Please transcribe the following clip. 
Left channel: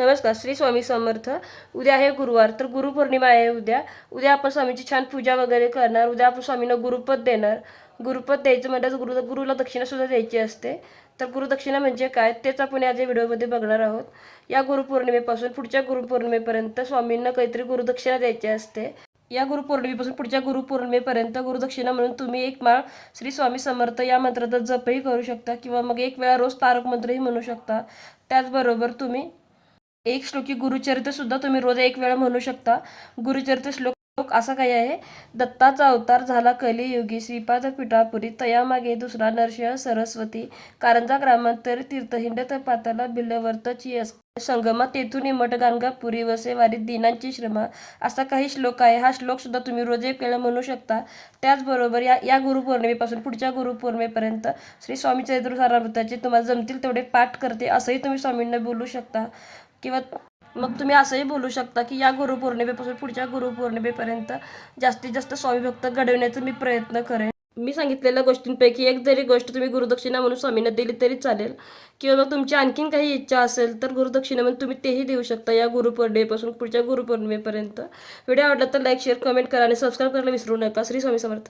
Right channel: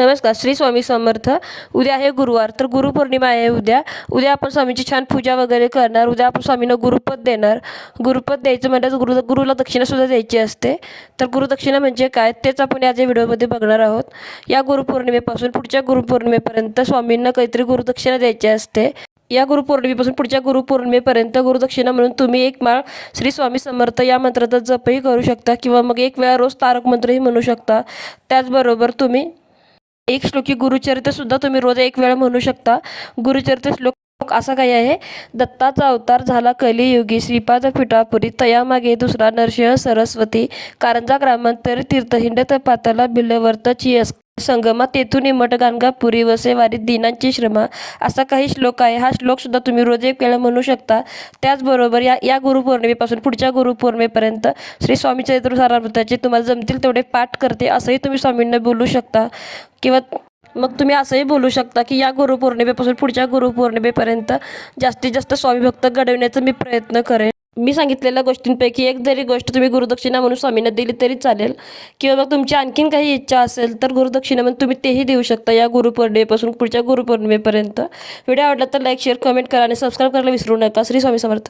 नमस्कार. श्री स्वामी समर्थ. उद्या आहे गुरुवार, तर गुरुपौर्णिमा आहे उद्या. उद्या आपण स्वामींची छान पूजा वगैरे करणार. उद्या आपण स्वामींना गुरुपद देणार. गुरुपद द्यायचं म्हणजे गुरुला दक्षिणासुद्धा द्यायची असते. तर गुरुदक्षिणा म्हणजे काय तेच आपण या व्हिडिओमध्ये बघणार आहोत. या गुरुपौर्णिमेपासून पुढच्या गुरुपौर्णिमेपर्यंत स्वामींना काहीतरी गुरुदक्षिणा द्यायची असते. या गुरुपौर्णिमेपासून पुढच्या गुरुपौर्णिमेपर्यंत गुरुदक्षिणा म्हणून तुम्ही एक माळ श्री स्वामी समर्थ या मंत्राचा जपही करू शकता किंवा मग एक वेळा रोज तारक मंत्रही म्हणू शकता. त्याचबरोबर तुम्ही एक श्लोकी गुरुचरित्रसुद्धा तुम्ही रोज एक वेळा म्हणू शकता. गुरुचरित्र श्लोक असा काही आहे: दत्ताचा अवतार झाला कलियुगी, श्रीपाद पिठापुरी, तयामागे दुसरा नरसिंह सरस्वती, कारंजा ग्रामांतर तीर्थहिंडत पाताला बिल्लवर्तची संगमा, तेथून मठ गाणगापुरी, वसे वारी दीनांची श्रमा. असा काही श्लोक आहे. हा श्लोकसुद्धा तुम्ही रोज एक वेळा म्हणू शकता. त्याचबरोबर या गुरुपौर्णिमेपासून पुढच्या गुरुपौर्णिमेपर्यंत श्री स्वामी चरित्र सारामृताचे तुम्हाला जमतील तेवढे पाठ करते असंही तुम्ही स्वामींना बोलू शकता. किंवा मग तुम्ही असंही बोलू शकता की या गुरुपौर्णिमेपासून पुढच्या गुरुपौर्णिमेपर्यंत जास्तीत जास्त स्वामी भक्त घडवण्याचा मी प्रयत्न करेन. मी सांगितलेल्या गोष्टींपैकी एक जरी गोष्ट तुम्ही गुरुदक्षिणा म्हणून स्वामींना दिली तरी चालेल. किंवा मग तुमची आणखीन काही इच्छा असेल तर गुरुदक्षिणा म्हणून तुम्ही तेही देऊ शकता या गुरुपौर्णिमेपासून पुढच्या गुरुपौर्णिमेपर्यंत. व्हिडिओ आवडला तर लाईक, शेअर, कमेंट करा आणि सबस्क्राईब करायला विसरू नका. श्री स्वामी समर्थ.